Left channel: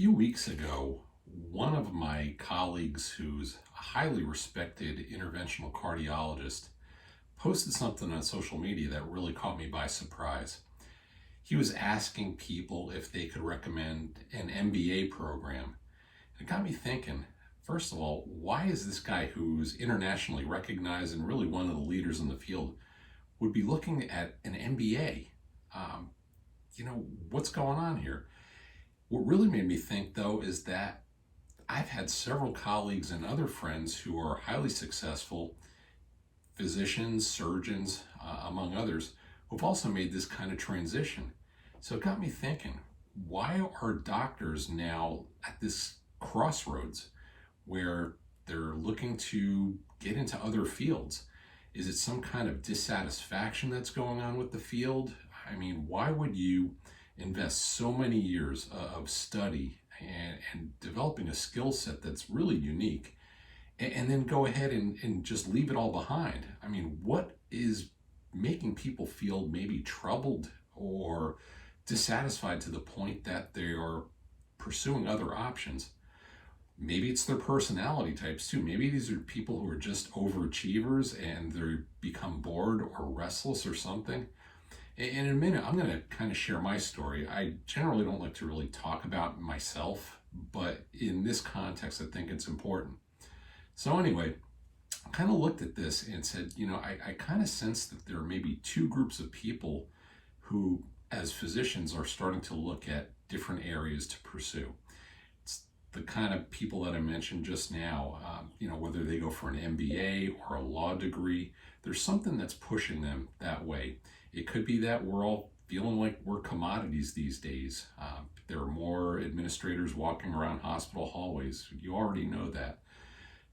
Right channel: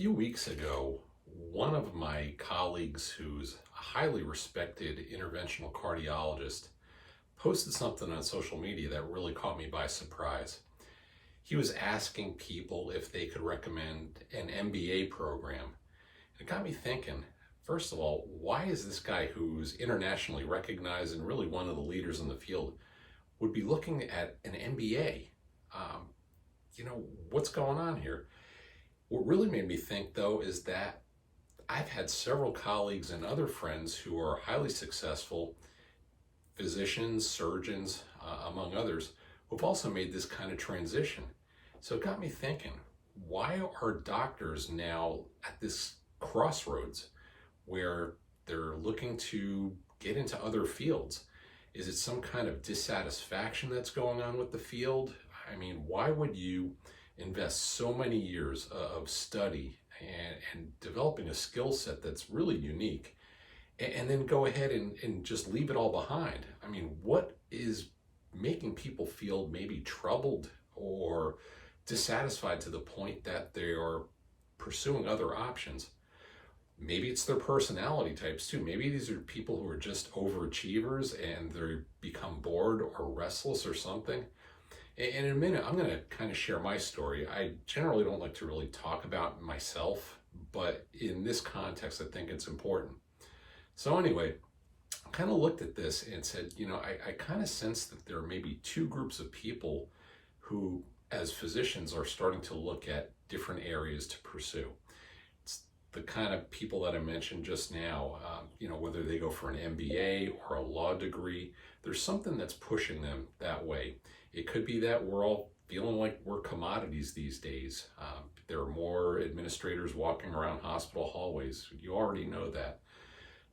few weeks ago, one of my colleagues, who's a highly respected interventional cardiologist, posted something on social media that really caught me by surprise. He was asking people if they could recommend an MBA program. It got me thinking, first of all, why is this guy who's internationally recognized and really one of the leaders in the field would be looking at an MBA? Um, what's going on here? What really made me think, though, is that I've had several colleagues and other friends who are highly successful physicians, surgeons, among others, who've also made this kind of transition. So it got me thinking, why are doctors now at this crossroads where they're looking to get into other fields? Is it some kind of dissatisfaction that's going on with the field? I mean, why would you invest so many years of study and developing a skill set that's really unique and then go ahead and just leave it all behind? I mean, what is making people feel maybe troubled or dissatisfied to the point that they are pursuing other options? Maybe it's their personality types too. Maybe these are people who are just overachievers and they become bored or restless or something. And in a minute, I'm going to kind of share my story. I generally don't like to really talk about myself, but in this context, I think it's important. So anyway, I kind of looked at this and said, I kind of sense that there are maybe two groups of people who, as physicians, are starting to look at different areas to pursue. It's the kind of people that I mentioned just now, whether they go for an MBA or a law degree, there's something that's pushing them that way. It could be that we're all feeling like we're commodities these days. There are more administrators walking around hospital hallways. You already know that.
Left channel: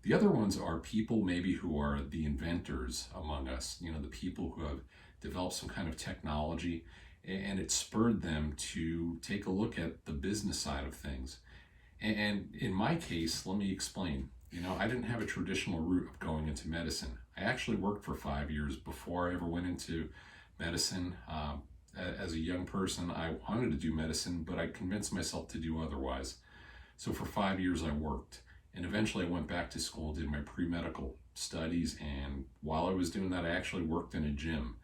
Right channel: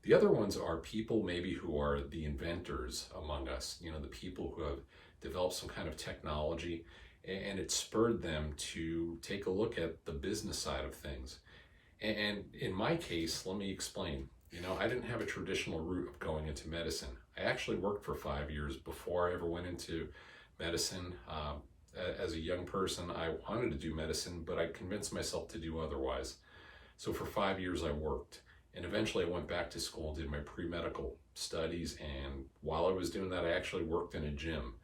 The other ones are people maybe who are the inventors among us, the people who have developed some kind of technology and it spurred them to take a look at the business side of things. And in my case, let me explain. I didn't have a traditional route of going into medicine. I actually worked for 5 years before I ever went into medicine. As a young person, I wanted to do medicine, but I convinced myself to do otherwise. So for 5 years I worked, and eventually I went back to school, did my pre-medical studies, and while I was doing that, I actually worked in a gym,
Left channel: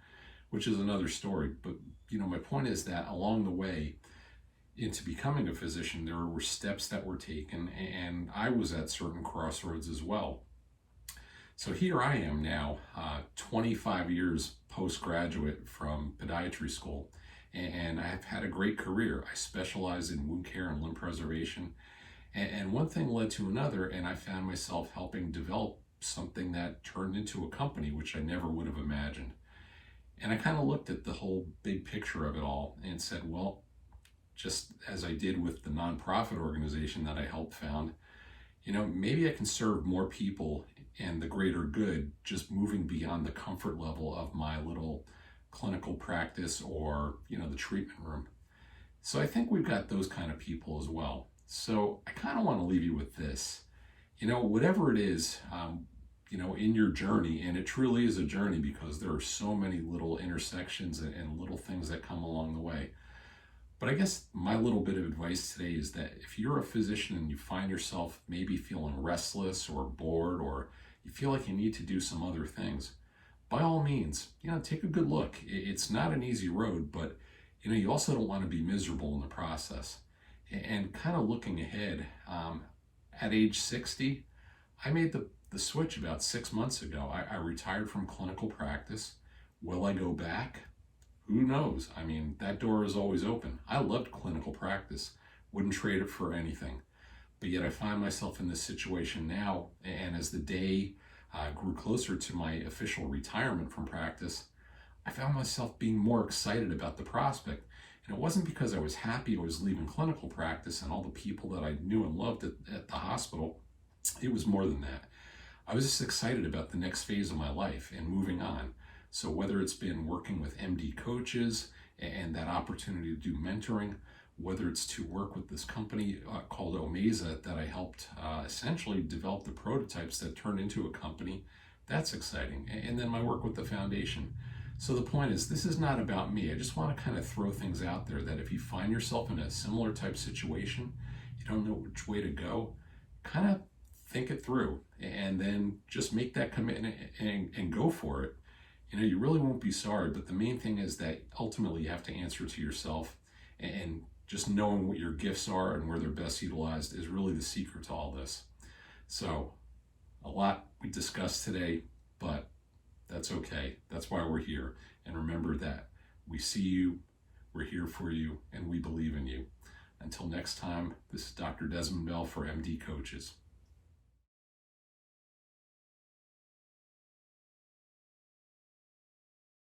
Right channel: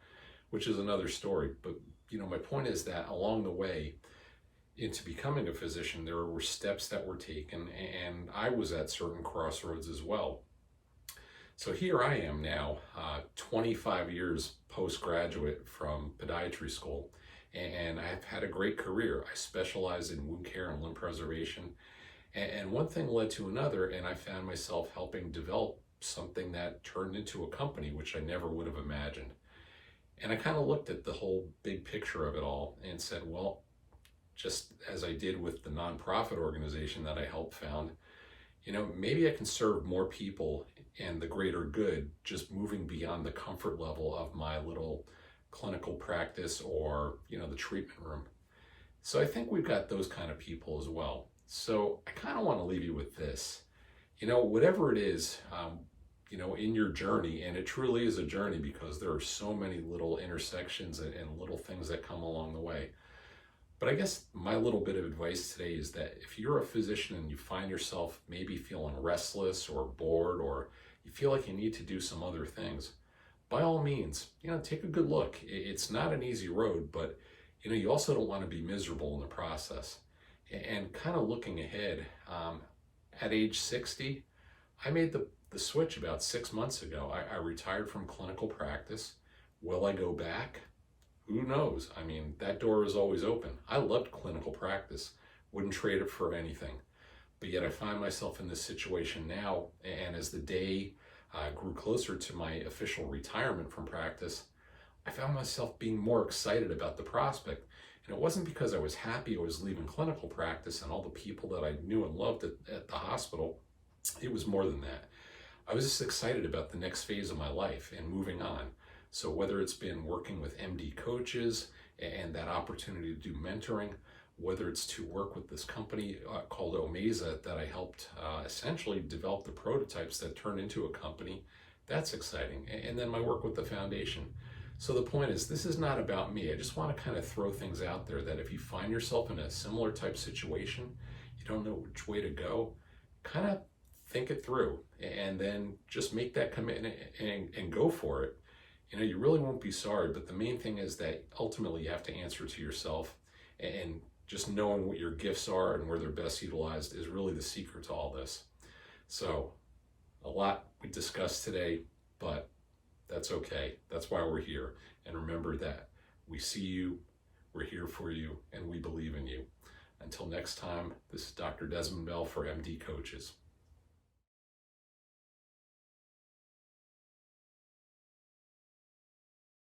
which is another story. But my point is that along the way into becoming a physician, there were steps that were taken, and I was at certain crossroads as well. So here I am now, 25 years postgraduate from podiatry school, and I've had a great career. I specialize in wound care and limb preservation, and one thing led to another, and I found myself helping develop something that turned into a company, which I never would have imagined. And I kind of looked at the whole big picture of it all and said, well, just as I did with the nonprofit organization that I helped found, maybe I can serve more people and the greater good just moving beyond the comfort level of my little clinical practice or, the treatment room. So I think we've got those kind of people as well. So I kind of want to leave you with this. Whatever it is, in your journey, and it truly is a journey because there are so many little intersections and little things that come along the way. But I guess my little bit of advice today is that if you're a physician and you find yourself maybe feeling restless or bored, or you feel like you need to do some other things, by all means, take a good look. It's not an easy road, but you also don't want to be miserable in the process. And kind of looking ahead, at age 60, I made the switch about 6 months ago. I retired from clinical practice. Will I go back? Who knows? I mean, that door is always open. I loved clinical practice, wouldn't trade it for anything. But yet I find myself in this situation now, and as the day grew closer to my official retirement from practice, I found myself being more excited about the prospect. And it wasn't because I was happy I was leaving clinical practice and all the people that I knew and loved at the hospital. It was more than that. I was just excited about the next phase of my life and moving on. So whether it's been working with MD coaches and that opportunity to do mentoring, whether it's to work with this company called Omeza that I helped essentially develop the prototypes that turned into a company, that's exciting. And then my work with the foundation. So the point is, this is not about me. I just want to kind of throw things out there that if you find yourself in a similar type situation you don't know which way to go, kind of think it through and then just make that commitment and go for it. You really won't be sorry, but the main thing is that ultimately you have to answer to yourself, and just knowing what your gifts are and where they're best utilized is really the secret to all this. So, a lot we discussed today, but that's okay. That's why we're here. And remember that we see you, we're here for you, and we believe in you. Until next time, this is Dr. Desmond Bell for MD Coaches.